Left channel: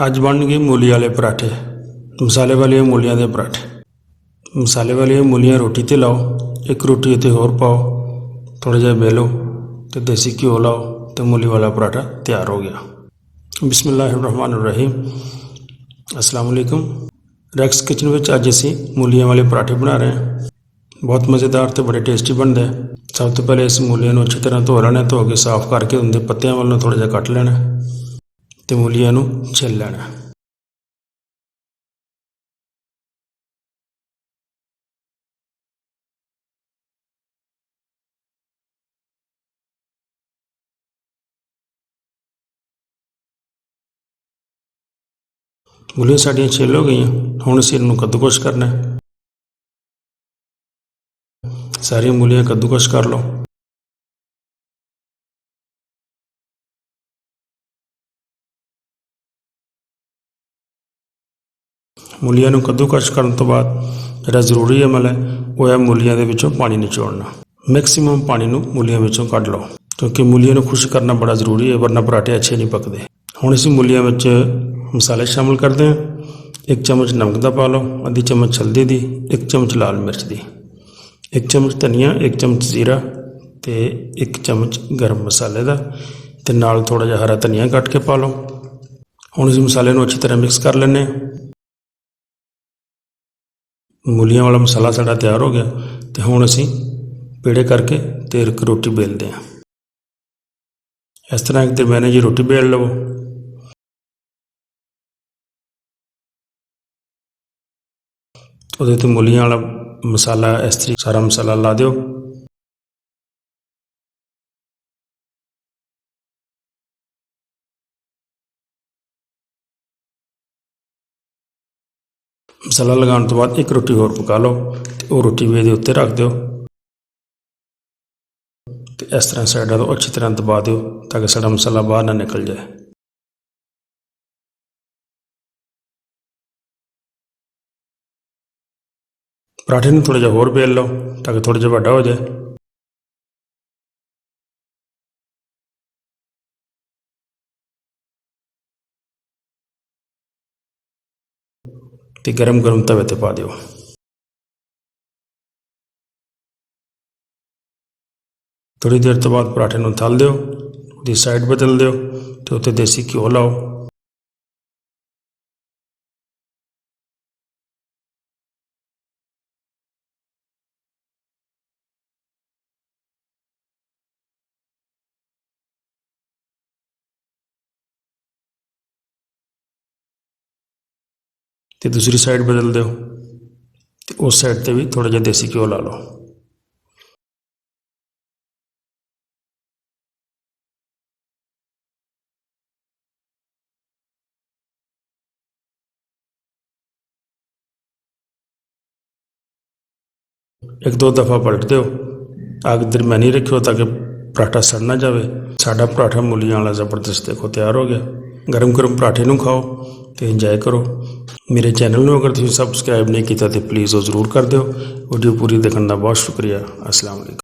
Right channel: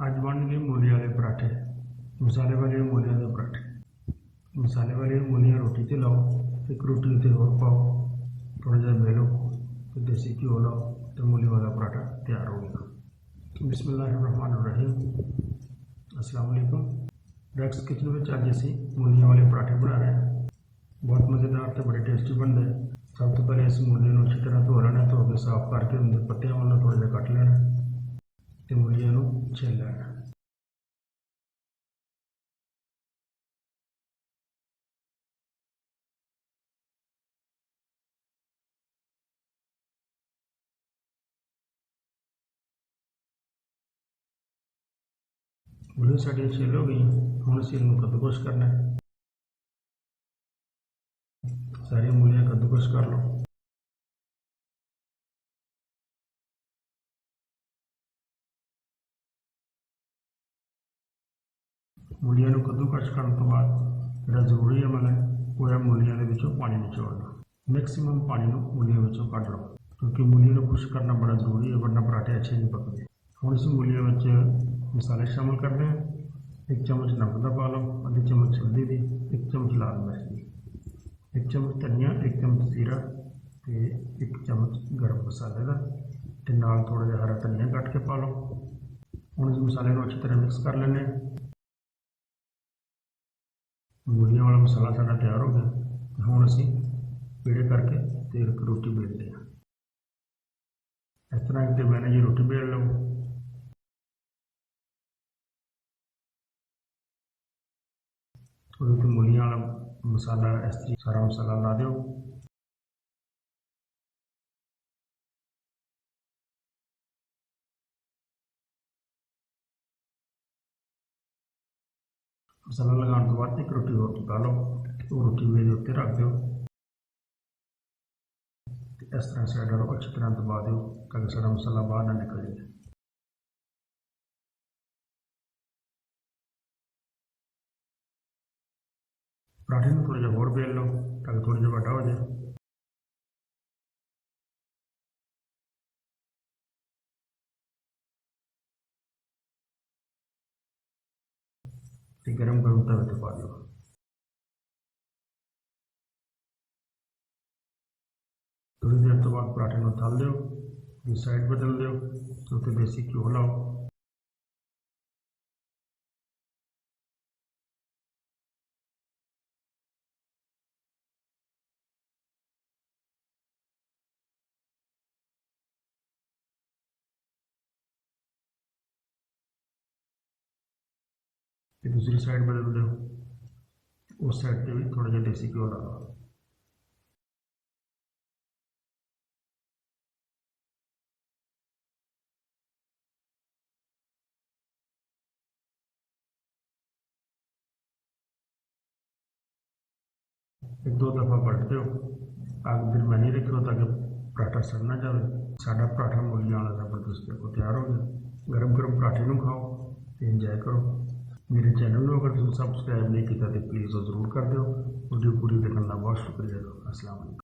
अज बन गए मूली वाले पराठे, मसाले वाली मूलियां के पराठे। मसाले वाली मूलियां रोटी ते लाओ, एक रोटी उत्ते होर पाओ, थोड़ा जिहा बेलो तो देसी घ्यो लाओ तो मूली वाला पराठा तैयार हो गया। बिस्मिल्लाहिर्रहमानिर्रहीम, अस्सलाम वालेकुम। रैक्स किचन में अज असी मूलियां वाले पराठे बना रहे हैं। बहुत मज़ेदार तो बड़े टेस्टी बनते हैं। सब तो पहले इस मूलियां नूं अच्छी तरह धो लेना, धो के साफ करके उनके पत्तियां वालों थोड़ा जिहा कट लेना तो मूलियां नूं छिल लेना। मूलियां साड़ियां छिल हो गई, हुण असीं इन्हूं कद्दूकश करना है। सारियां मूलियां कद्दूकश कर लो। मूलियां नूं कद्दूकश करन तो बाद जिहड़ा जरूरी अमल है वो है मूलियां दे विचों पानी निचोड़ना। मैक्सीमम पानी नूं मूलियां विचों कढ लो, क्योंकि मूलियां नूं खुश्क करना बड़ा जरूरी है, वरना पराठे अच्छे नहीं पकते। हुण असीं मूलियां विच मसाले शामिल करते हैं। 1 चम्मच नमक दा पा लो, आधी चम्मच हल्दी दी, 1 चम्मच लाल मिर्च दी, 1 चम्मच धनिया, 1 चम्मच जीरा ते 1 चम्मच गर्म मसाले दा ते नाल थोड़ा जिहा हरा धनिया कट के पा लो। हुण असीं मसाले नूं अच्छी तरह मिक्स कर लैंदे हां। मूलियां वाला मसाला साड़ा तैयार हो गया तो हुण असीं पेड़े करके ते एक रोटी बेलते हैं। इस तरह एक दरम्यानी जी रोटी बेल लवो। ਉਹਦੇ ਤੇ मूलियां वाला मसाला इस तरीके सारा मसाला ला दो। मसाला लगाने तो बाद एक रोटी होर पका लो तो वो रोटी भी उत्ते रख दो तो इस तरह साइडा तो अच्छी तरह दबा दो ताकि साड़ा मसाला बाहर ना निकल जाए। पराठे में थोड़ा जिहा होर बेल लो ताकि थोड़ा जिहा वड्डा हो जाए। तो गरम गरम तवे ते पा दो। थोड़ी देर तो बाद पराठे नूं तल दो, उसकी साइड बदल दो तो उत्ते देसी घ्यो लाओ। तो दूसरी साइड बदल दो तो उस साइड पर भी थोड़ा जिहा देसी घ्यो ला लो। एक दो दफ़ा पलट दो, अग दरम्यानी रखियो ताकि पराठा सड़ ना जाए। साडा पराठा मूलियां वाला ज़बरदस्त देखो तैयार हो गया। गरम गरम पराठे नूं खाओ तो इंजॉय करो। मेरे चैनल में अगर तुसीं सबसक्राइब नहीं किया तो प्लीज़ वो ज़रूर कर दो। वीडियो पूरी देखने का बहुत शुक्रिया। अस्सलाम वालेकुम।